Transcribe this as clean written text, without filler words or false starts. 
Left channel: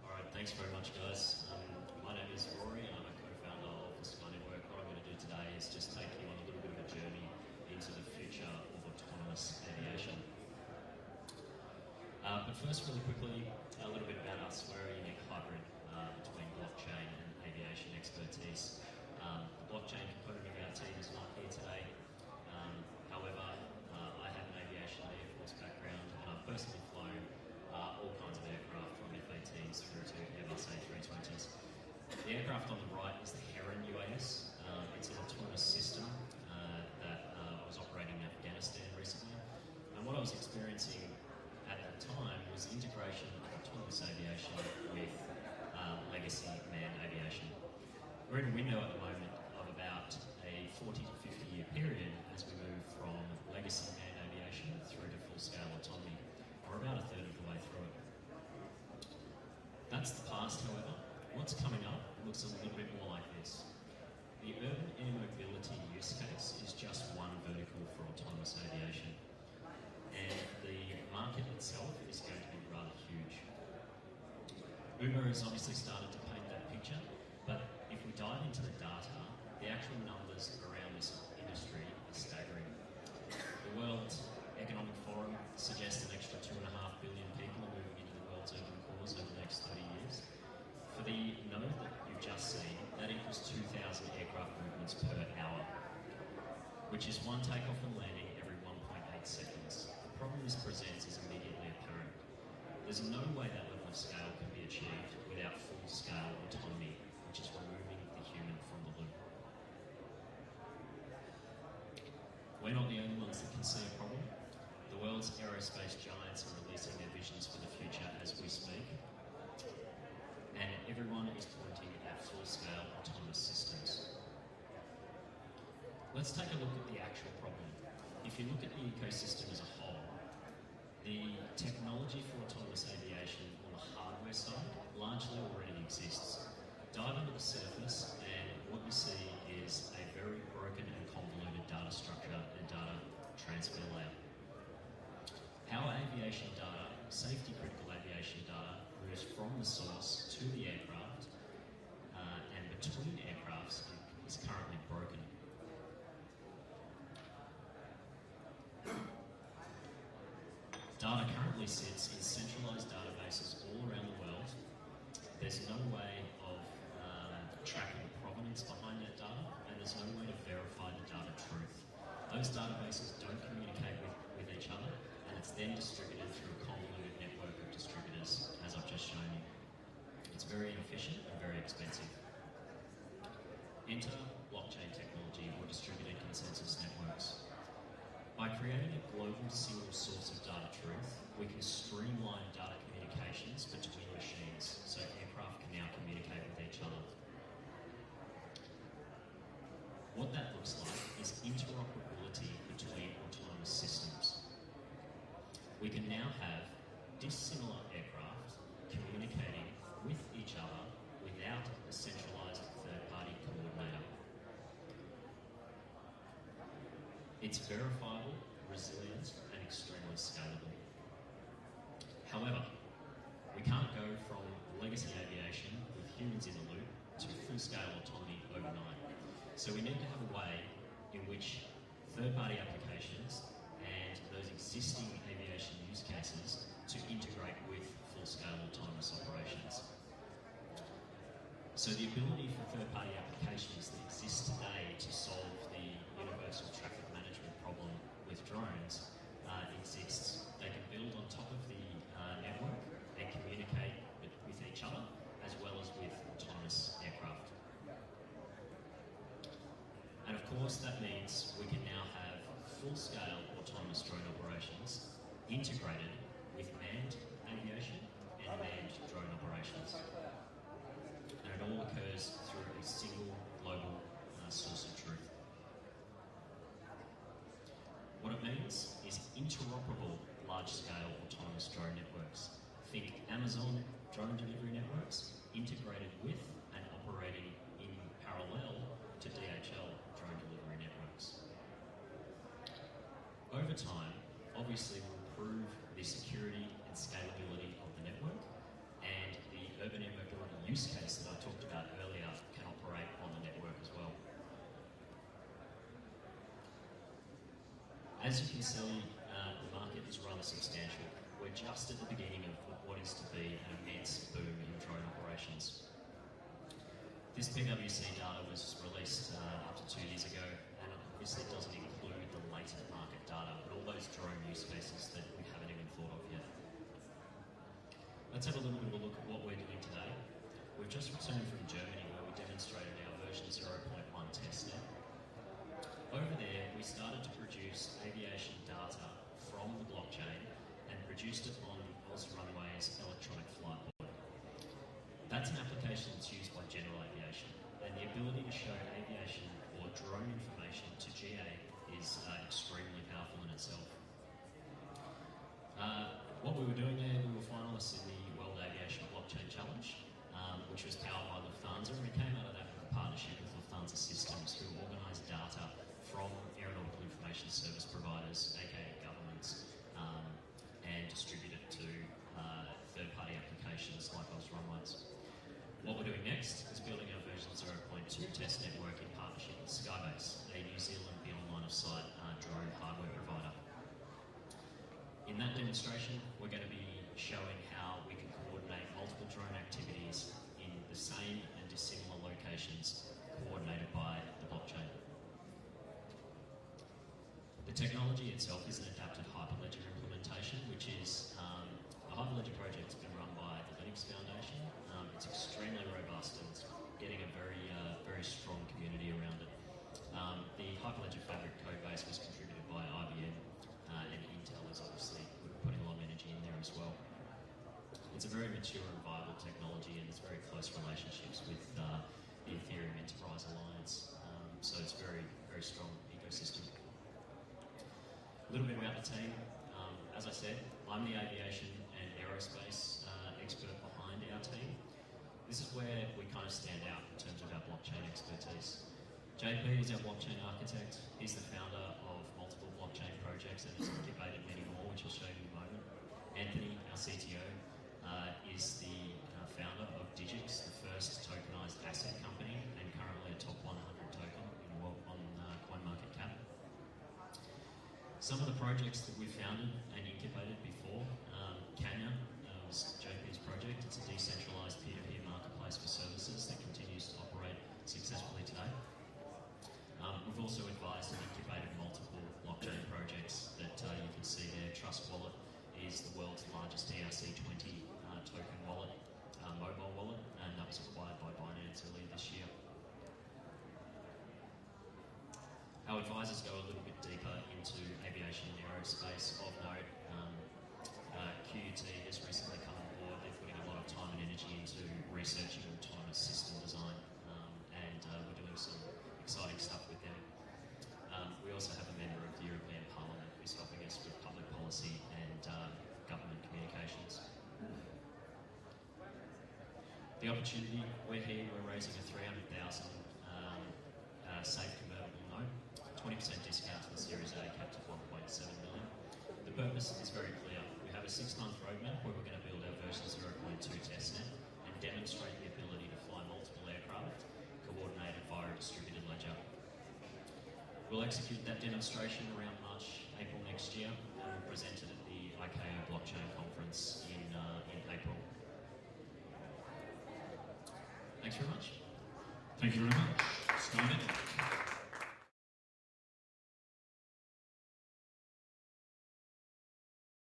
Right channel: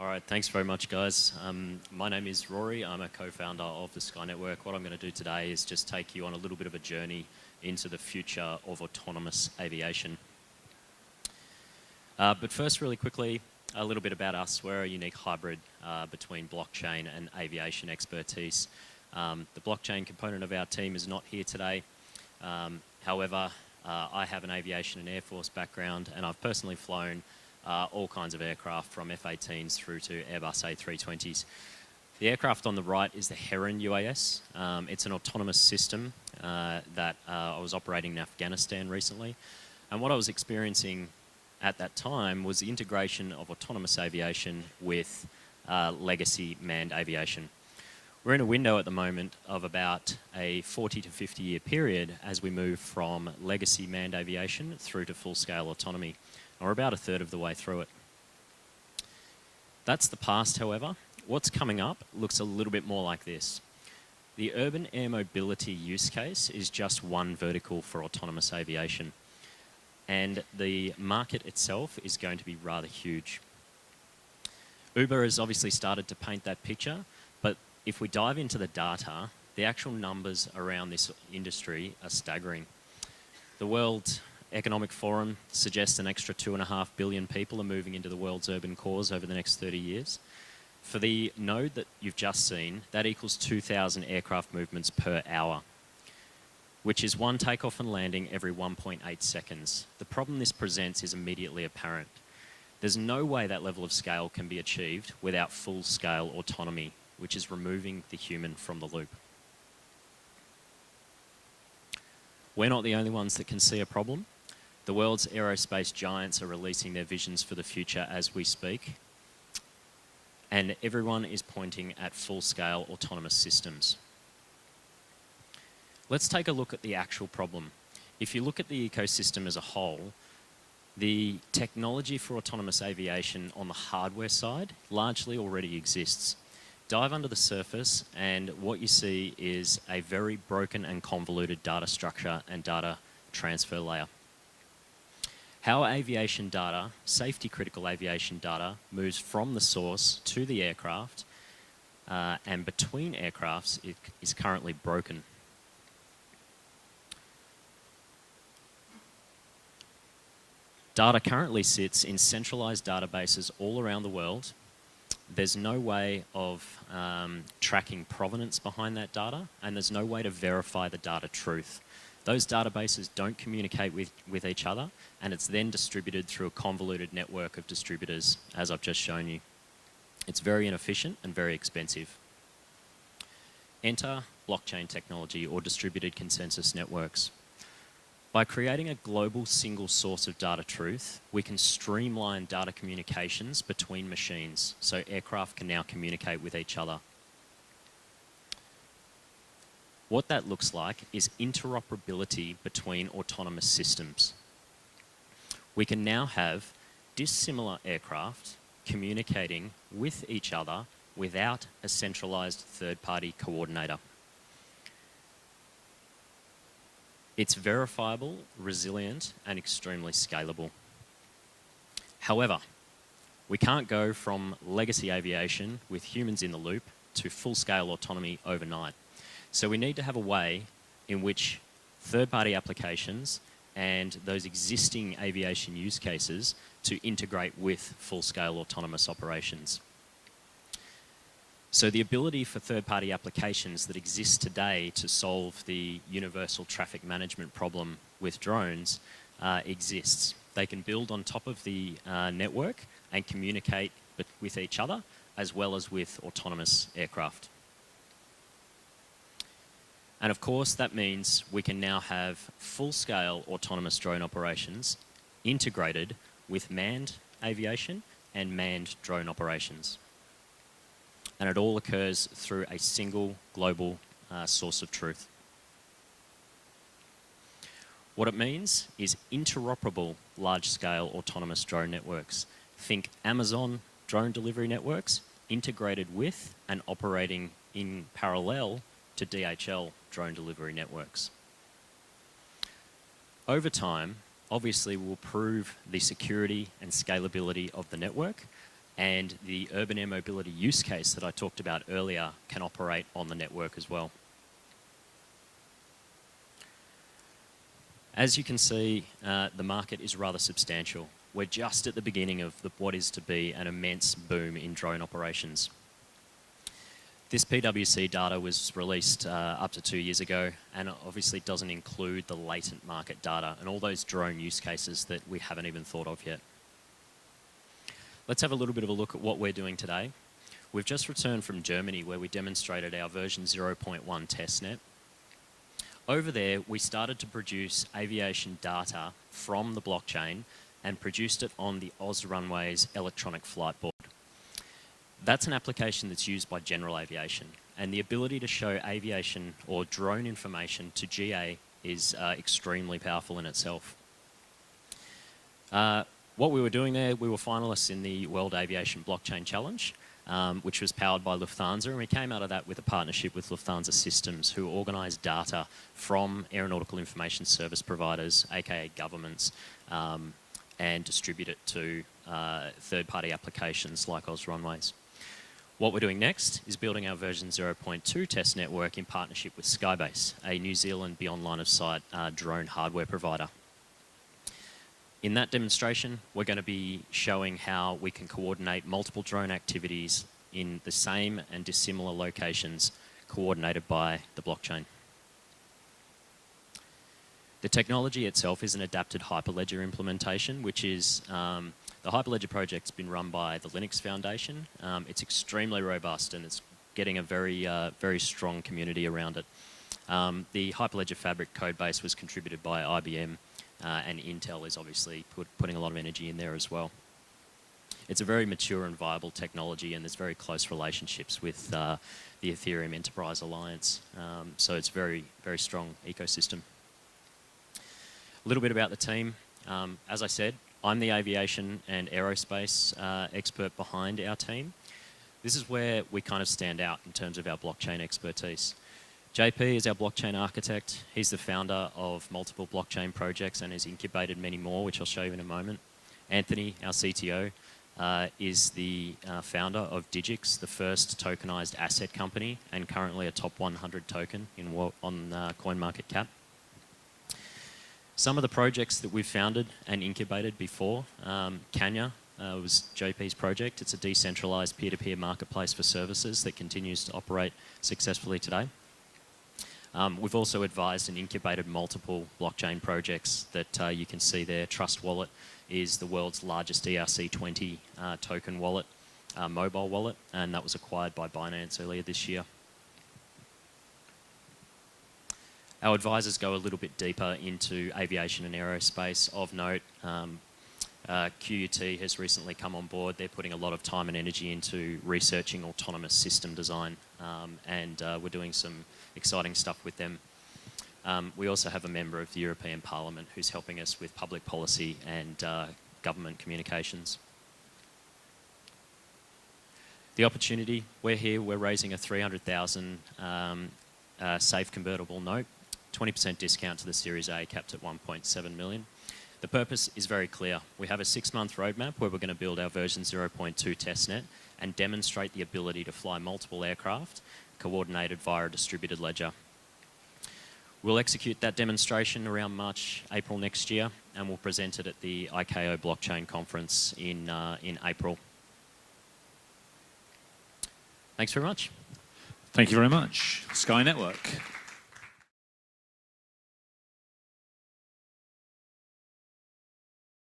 All right, thanks very much, guys. My name is Rory. I'm a co-founder of the Skyy Network. What I'm going to do today is just take you on a little bit of a journey into the future of autonomous aviation. But first, really quickly, a little bit about us. We're a unique hybrid between blockchain and aviation expertise. The blockchain component of our team is not here today. However, I have an aviation and Air Force background, and I've personally flown all kinds of aircraft from F-18s through to Airbus A320s. The aircraft on the right is the Heron UAS. It's an autonomous system that I was operating in Afghanistan recently. And what I was experiencing at that time was the integration of autonomous aviation with legacy manned aviation. We're in a window at the moment of about a 40 to 50 year period as we move from legacy manned aviation through to full-scale autonomy. We're about a third of the way through it. That's the past, however. What's coming up looks a little bit more like this. The urban air mobility use case is just one vertical for autonomous aviation. And the market itself is going to be rather huge. Uber has obviously started to paint that picture, but if we dive into the data, the actual numbers around this industry are staggering. The World Economic Forum suggests an extra 2.5 billion people are moving into the world's urban cores over the next 30 years. For the node that you've just seen, that equals 2,000 aircraft movements per hour, which is one takeoff and landing every 1.8 seconds. The problem this presents is immediately apparent. There's no way that level of scale can be achieved without full-scale autonomy, which is removing the human from the loop. We're not the only ones that can see a problem. The world's aerospace giants are releasing their visions for the future as we speak. And everyone is pointing at full-scale autonomous systems. Let's take a look at the actual problem. If you look at the ecosystem as a whole, the technology for autonomous aviation on the hardware side largely already exists. Dive under the surface and what you see is a very broken and convoluted data structure and data transfer layer. How aviation data, safety critical aviation data, moves from the source to the aircraft and between aircrafts is currently broken. Data currently sits in centralized databases all around the world. There's no way of tracking provenance behind that data, and there's no way to verify the data truth. Those databases don't communicate with each other, and it's then distributed through a convoluted network of distributors, as I've just shown you. It's very inefficient and very expensive. Enter blockchain technology or distributed consensus networks. By creating a global single source of data truth, we can streamline data communications between machines, so aircraft can now communicate with each other. What that looks like is interoperability between autonomous systems. We can now have dissimilar aircraft communicating with each other without a centralized third-party coordinator. It's verifiable, resilient, and extremely scalable. However, we can't go from legacy aviation with humans in the loop to full-scale autonomy overnight. So we need to have a way in which third-party applications and those existing aviation use cases to integrate with full-scale autonomous operations. So the ability for third-party applications that exist today to solve the universal traffic management problem with drones exists. They can build on top of the network and communicate with each other as well as with autonomous aircraft. And of course, that means we can now have full-scale autonomous drone operations integrated with manned aviation and manned drone operations. And it all occurs through a single global source of truth. What it means is interoperable large-scale autonomous drone networks. Think Amazon drone delivery networks integrated with and operating in parallel to DHL drone delivery networks. Over time, obviously we'll prove the security and scalability of the network, And the urban air mobility use case that I talked about earlier can operate on the network as well. As you can see, the market is rather substantial. We're just at the beginning of what is to be an immense boom in drone operations. This PwC data was released up to 2 years ago, and it obviously doesn't include the latent market data and all those drone use cases that we haven't even thought of yet. Let's have a little bit of a look at what we're doing today. We've just returned from Germany, where we demonstrated our version 0.1 testnet. Over there, we started to produce aviation data from the blockchain and produced it on the Oz Runway's electronic flight board. That's an application that's used by general aviation, and the ability to show aviation or drone information to GA is extremely powerful in itself. What we were doing there, we were finalists in the World Aviation Blockchain Challenge, which was powered by Lufthansa, and we came out of that with a partnership with Lufthansa Systems, who organise data from aeronautical information service providers, aka governments, and distribute it to third-party applications like Oz Runways. What we're doing next is building our version 0.2 test network in partnership with Skybase, a New Zealand beyond line of sight drone hardware provider. In that demonstration, we're going to be showing how we can coordinate multiple drone activities in the same and dissimilar locations, coordinated by the blockchain. The technology itself is an adapted Hyperledger implementation, which is the Hyperledger project's been run by the Linux Foundation. It's extremely robust and it's getting a very strong community around it. The Hyperledger Fabric code base was contributed by IBM, and Intel is obviously putting a lot of energy in there as well. It's a very mature and viable technology, and there's very close relationships with the Ethereum Enterprise Alliance. So it's very strong ecosystem. A little bit about the team. As I said, I'm the aviation and aerospace expert behind our team. This is where we kind of stand out in terms of our blockchain expertise. JP is our blockchain architect. He's the founder of multiple blockchain projects and has incubated many more, which I'll show you in a moment. Anthony, our CTO, is the founder of Digix, the first tokenized asset company and currently a top 100 token on CoinMarketCap. Some of the projects that we've founded and incubated before, Kanya was JP's project. It's a decentralized peer-to-peer marketplace for services that continues to operate successfully today. We've also advised and incubated multiple blockchain projects that you can see there. Trust Wallet is the world's largest ERC20 token wallet, mobile wallet, and that was acquired by Binance earlier this year. Our advisors go a little bit deeper into aviation and aerospace. Of note, QUT has recently come on board. They're putting a lot of time and energy into researching autonomous system design, and we're doing some exciting stuff with them. We also have a member of the European Parliament who's helping us with public policy and government communications. The opportunity, we're here, we're raising a 300,000 safe convertible note, 20% discount to the Series A, capped at 1.7 million. The purpose is very clear. We have a 6-month roadmap where we're going to build our version 0.2 testnet and demonstrate the ability to fly multiple aircraft coordinated via a distributed ledger. We'll execute that demonstration around March, April next year, and we'll present it at the ICAO Blockchain Conference in April. Thanks very much. Thank you very much, Skyy Network.